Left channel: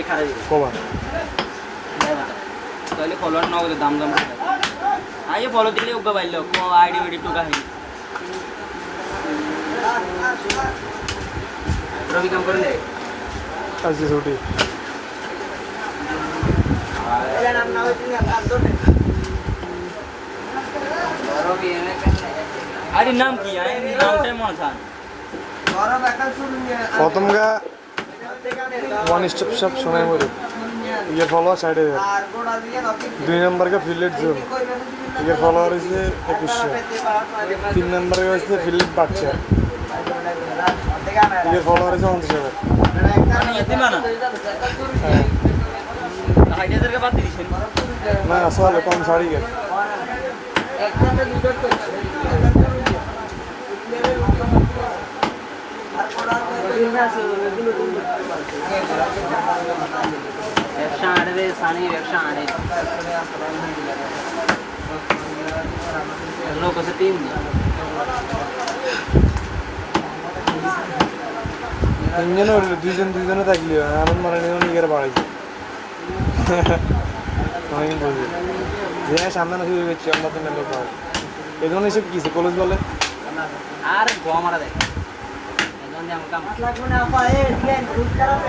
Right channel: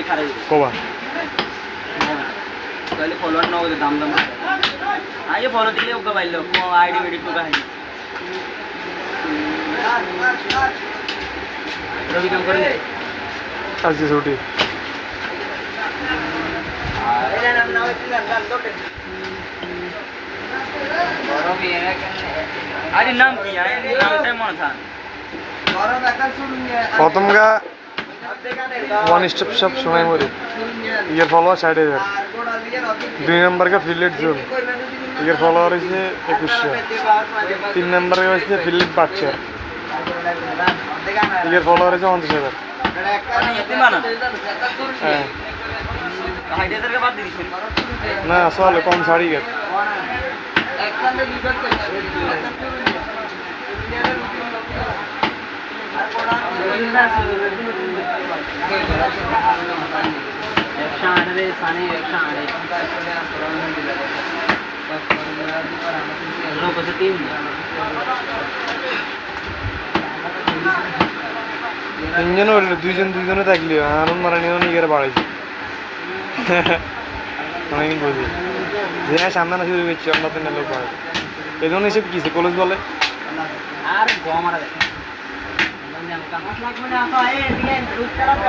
গাড়ি খারাপ কবা কইলে ফলোয়ার নাও দাম দাম আইয়ে ফলো দিলে ওকে বাইলো কো আইডি ভিডি টু কাহিনী রবি কাম করে আজকে ছুটি এলে নাম নাও নাম দো রবি আরে নাম কি আয় নামটাই মনে থাক প্রথম গা ওয়ান স্টেপ শপ সময় মরে ইয়ার ফলোয়ার 60,000 2 নম্বর কা ফিলেট জোন ইয়ার ফলোয়ার হয়েছে 2100 3 নম্বরে হয়েছে ফিলেট বাচ্চা ইয়ার ফলোয়ার হয়েছে 50,000 হ্যাঁ না আসলে কম ছাড়ি গেছে তিনজনে দুইজনে থাকলি আনন্দ মারানিও নিজের বাড়াইছে অনেকদিন বুঝি যে সামনে না শুরু করছি আমরা তো লোক হয় এই ধরনের এসব কিসে কলেজ বলে আর গো মারা দেয়